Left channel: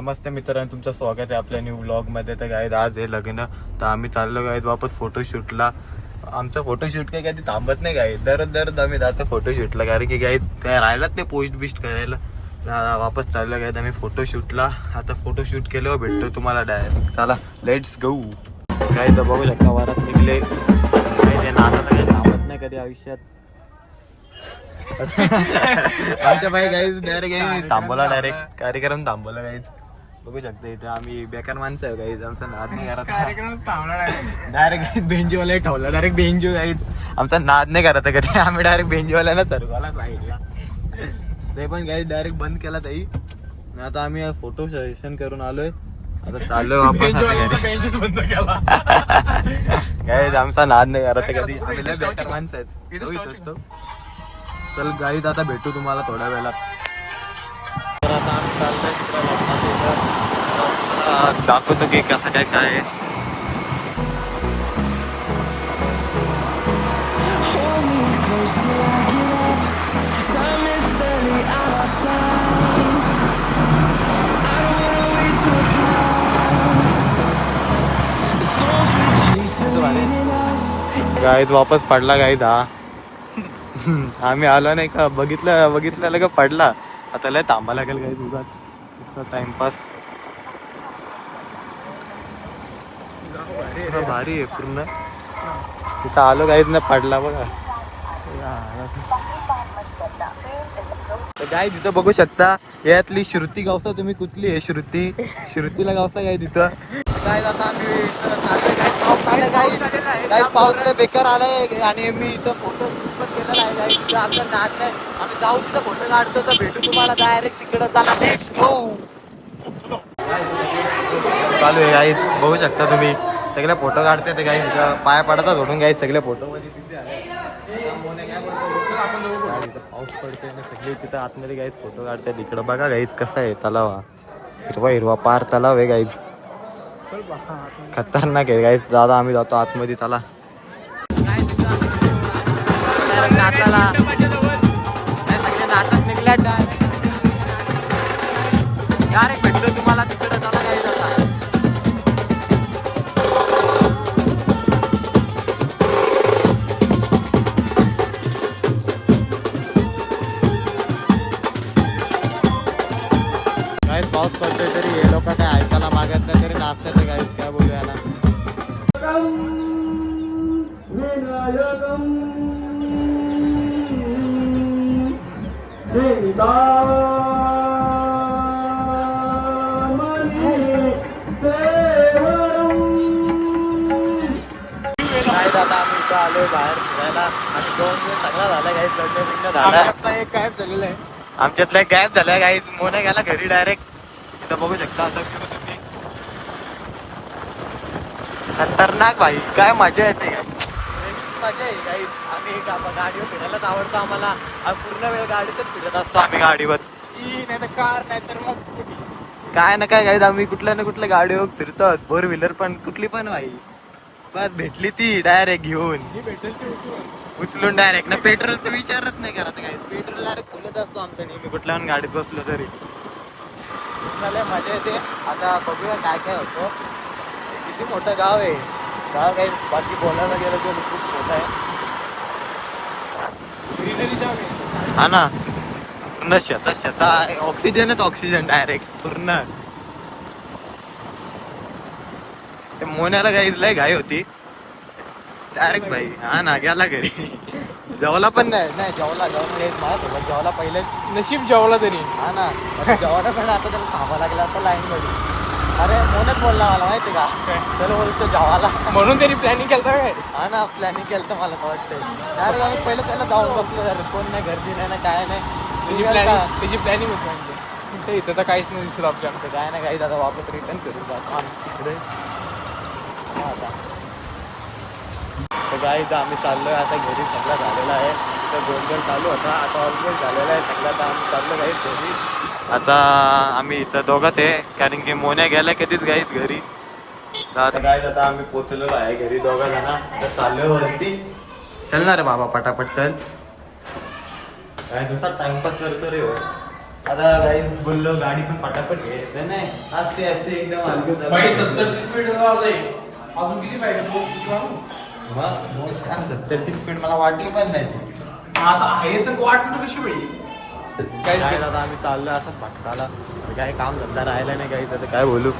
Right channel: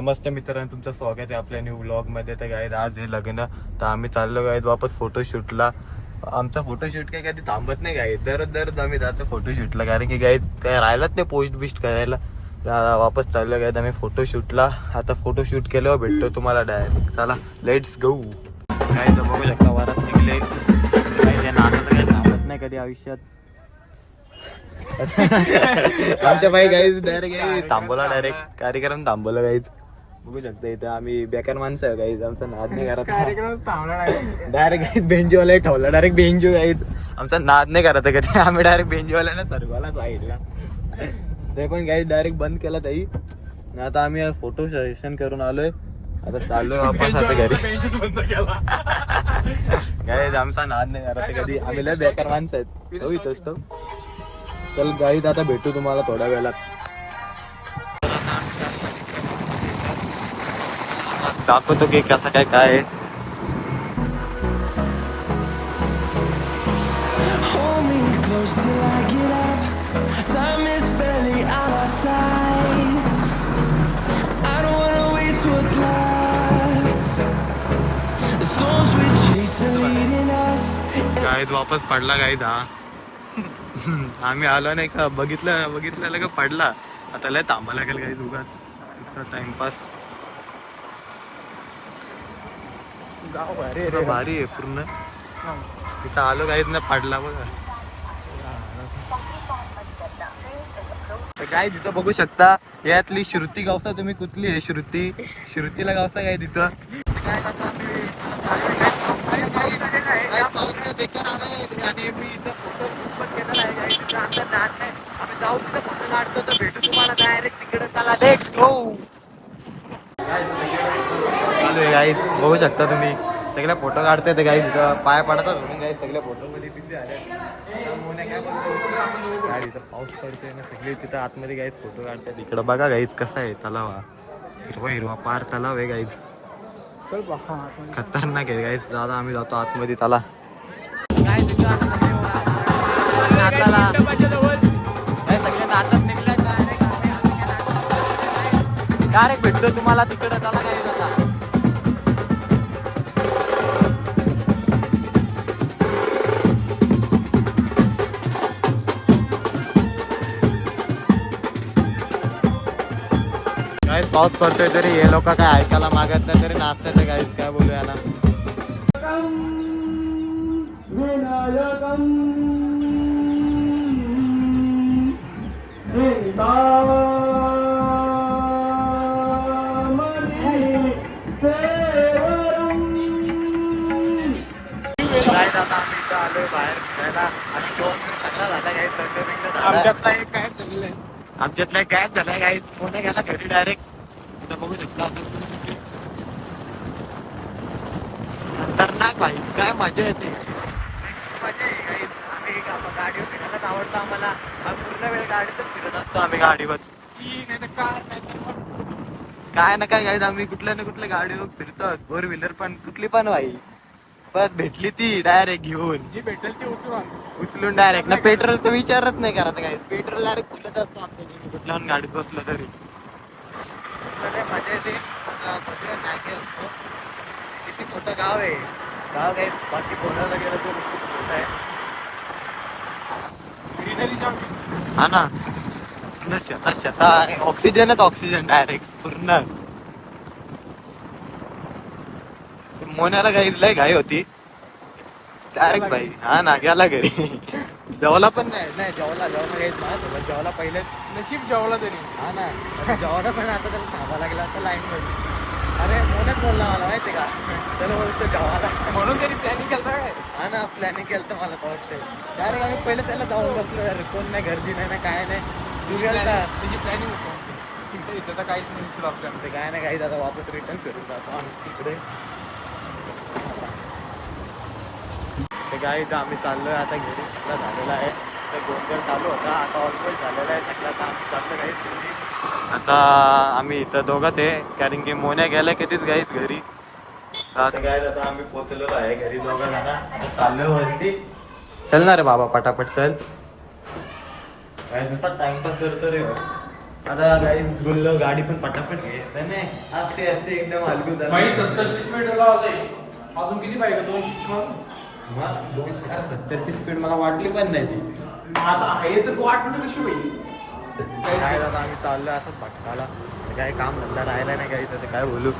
नमस्ते मित्रांनो, तुमचं स्वागत आहे आपल्या न्यू व्लॉगमध्ये. तर गाईज आज हे लग्न, तर आम्ही चाललो गाईज वापस फोटोशूटला. आमचा फोटोशूट काय कधी थांबत नाही गाईज, दररोज आम्ही जातो फोटोशूटला, कारण की गाईज काय राहिलाच नाही पोस्ट बिस्ट करायला. तर वापस चाललो गाईज आम्ही फोटोशूटला. आता फोटोशूट केल्यावर भेटतो तुम्हाला डायरेक्ट. चला लेट्स गो. गाईज तर बघू शकता वरात निघले. गाईज हे नाचाचं काही थांबत नाही कधी आयुष्यात. आमच्या बाई गाईज डायरेक्ट थांबवला, डायरेक्ट कार्यक्रम थांबवला गाईज. बघू शकता इथं आम्ही बेकार माणसं आहे गाईज, आमचा नाद नाही करत. डायरेक्ट बेंचवाला ठेवला, डायरेक्ट बेंचो गाईज. आमचा नाद नाही करत कधी, आम्ही डायरेक्ट बेंचवाल्याला सर्वाला साईडला. ते पण गाईज डायरेक्ट बंद केला ताई. आता आम्ही फोटो सेशन करून आलोय, आता चाललोय वापस आता घरी. गाईज आमचा नाद नाही करत कधी, आम्ही लय बेकार माणसं आहेत. चल गाईज आता भेटू तुम्हाला थोड्या वेळात. तर आता आम्ही चाललोय दाखवतो की कसं काय काय. गाईज वापस पडला गाईज हा. आम्ही आलो नाही का, बघितलं का पडला. आता लय थांबा लागेल गाईज उगाच टाइमपास. भारी आहे पूर्ण. तिथं आलो गाईज ना पडला बघा. काय तिथं बघू शकता, यातली श्रुती गावसा तुम्ही कुठली आहे श्रुतीला गावसा काय तिथं. काय आता आम्ही पाऊस काय बेकार आलाय आणि मी इथं फोटो शूट पण केलेला आहे गाईज. तिथं आमचा नाद नाही, आम्ही जाऊ तिथं फोटो काढतो. तर भेटू तुम्हाला डायरेक्ट तिकडे. चला लेट्स गो. चालू आहे गाईज, बघू शकता तुम्ही सगळे फोटो काढते. ते गाईज तिथं पाया पडतात म्हणून गाईज सगळे फोटो मध्ये तिथे आले. काय बोलतो काय तिथं पाऊस पडतोय ना, सगळे तिथं आतमध्ये गाईज फोटो काढतात. इकडं बघा गाईज कसं आहे तलाव, हिरवा हिरवा पार तलाव आहे गाईज. खतरनाक आहे गाईज. दादा आम्ही जातो आतमध्ये. चला नाचाला सगळे नाचत निघल्या. डायरेक्ट भेटतो तुम्हाला तिकडे. चला गाईज आता. गाईज पाऊस पडतोय तरी हे लोक काय ऐकायला मागत नाही, तरी नाचतात गाईज. काय बोलूया ना. गाईज आता आम्ही इथं आलोय बाहेर फिरायला आणि जेवण चांगला झाला गाईज. लग्न बिग्न झालं. आमच्यातला गायब झालाय गाईज. मोना गेला घरी डायरेक्ट. इथं बघू शकता आता तुम्ही. खतरनाक भाई, काय मजा येते मजा आहे गाईज. आम्ही गाडीवर फिरायलाच आवडतो आम्हाला. पूर्ण वेळ गाडीतच फिरत असतो आम्ही, गाडीवर काय ना काय गाईज. आम्ही कुठल्या ना कुठल्या गाडीवर फिरतो, फोर व्हीलर पण कुठली पण भाई. पण भेटली ती डायरेक्ट घेऊन उचलून डायरेक्ट ना. पेट्रोलचा विचारच नाही करत काय, पेट्रोल डायरेक्ट फुलत असतो आमचं नेहमी कुठल्या गाडीत बसलो तरी. लय मजा येते. आता बघूया काय काय होतं. किती मोठं गाव आहे गाव काही, बाकी बोलायला गेलं तर खूप मोठं आहे. हा ना, पूर्ण शेता ऑक्सिजनच ऑक्सिजन डायरेक्ट पूर्ण. ते मोन्याला गाईज लय घाई होती डायरेक्ट भाई. हा ना, गेला घरी. जेवला पण नाही जेवला माझ्यासोबत जेवला पहिले. नशीब जेवला तरी. हा ना, जेवला पण आता त्याला थांबा लागला आता लाईन मध्ये. अरे मोनच बोलला मला माहिती का, त्याला बोलतो जेवायला म्हणून त्यांनी प्लॅनिंग केलं काय. हा ना, प्लॅनिंग केलं तर मला वाटतंय. डायरेक्ट आम्ही पहिलं त्याला जाऊन बसलो. अरे कोण नाही, गर्दी नाही ना काय नाही. त्याची प्लॅनिंग होती इथं तर काहीच नाही दिसत आपल्या. काय नाही काही. आता वापस रिटर्न करून जातो आम्ही तिकडे. तर काय इथं आम्ही चाललोय आता घरी. सगळा झालेला आहे. तर गोंधळ चालू होता, आता ऑलमोस्ट झालेला आहे सगळं. तर आम्ही चाललो गाईत घरी. आता आम्ही इथं दोघंच आहे, कारण की मोन्या गेल्या कधीच गाईत घरी. तर काय आता आम्ही पोचलेलो आहे घरी दोघं जण. आता चाललोय वरती. चल ना रे बाबा पटापट चल. काय दुसरा टाइमपास करतो रे. आता गाईज बोललो गाडी पण पटापट आहे नाही असते असते एकदम हलकी भाई 70 स्पीड होते अजून किती पाहिजे 200 मग 270ची स्पीड मला वाटली पण नाही ती. आता आहे तर वाटणं कशी पाहिजे काय आता आम्ही चाललोय असंच भटकाला आता काय काम धंदा राहिला नाही काही तर काय बोलू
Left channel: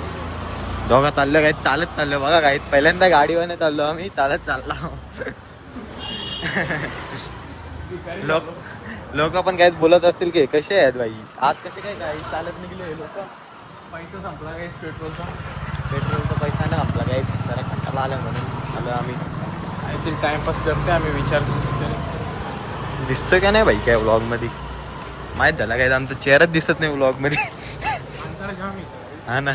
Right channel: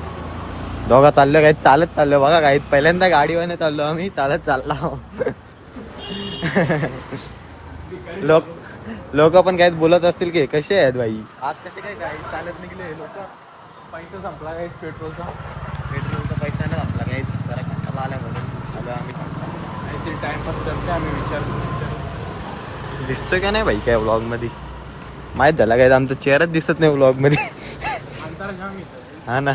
दोघा चाललो काही चालत चाललो बघा काही पहिल्यांदा गाडीवर चाललो आम्ही चालत चालला लोक पण काय बोलत असतील की कसे आहेत भाई आज कसे काय काय चालत निघले लोक. पैसा संपला काय पेट्रोलचा पैसा नाही संपला काही जरा घंटाला आलाय म्हणून आलो आम्ही. काहीतरी टाइमपास करते आम्ही विचारपूस करत दिसतोय का नाही भाई काय व्लॉग मध्ये माहित झाला काय आमचा चेहराच दिसत नाही व्लॉग मध्ये. अंतर घेऊन घेतो हा ना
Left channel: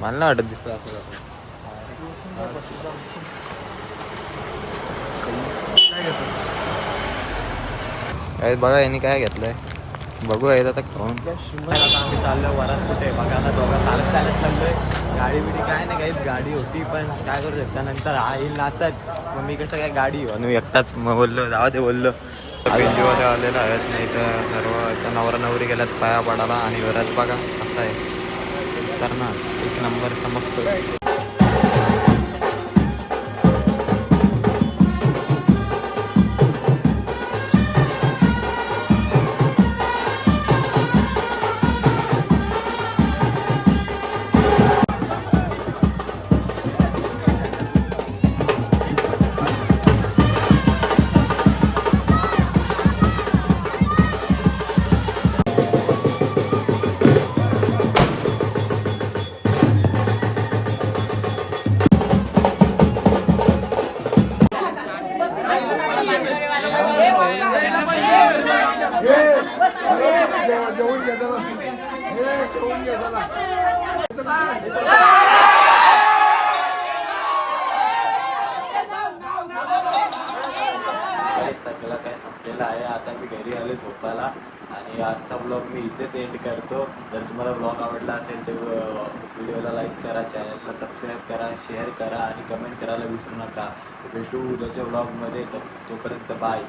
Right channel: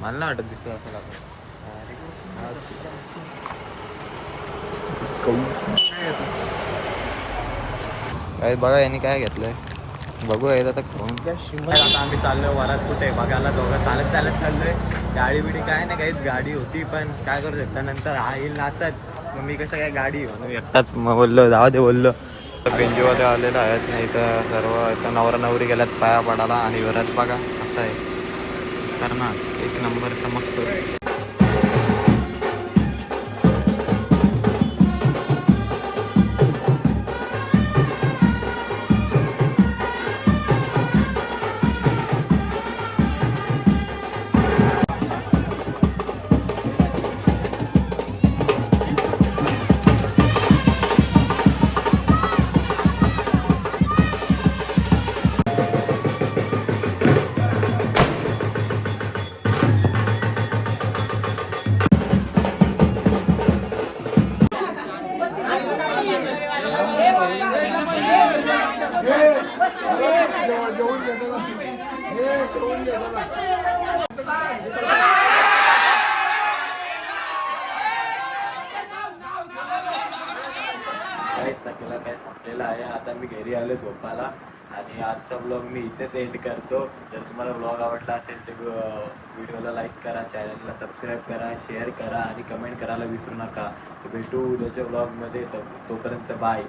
मला नाही वाटत दिसत असं काय बघा यांनी काय घेतलंय बघू आहे आता खाऊन. आता आम्ही चाललोय वरात कुठे बघायला दोघं चालत चालत चाललोय. गाडी बिडी काय नाही काहीच गाडी होती पण काय करू शकता नंतर हा येईल नाचत मग मी कसं काय गाडी आणि एकटाच मग बोललो जाऊ दे बोललो. बेंजोवाले आलेलं आहेत नाही तर सर्व आता नवरा नवरी गेल्यात पाया पडायला आणि वरात बघा कसं आहे तर ना एक नंबर चमकतोय. सगळं काय संपलेलं आहे आता मी घरी आलो झोपायला आणि आजचा ब्लॉग मी इथेच एंड करतो. जर तुम्हाला ब्लॉग आवडला असेल तर व्हिडिओला लाईक करा चॅनलला सबस्क्राईब करा शेअर करा आणि कमेंट करायला विसरू नका. भेटू उद्याच्या ब्लॉगमध्ये तोपर्यंत बाय.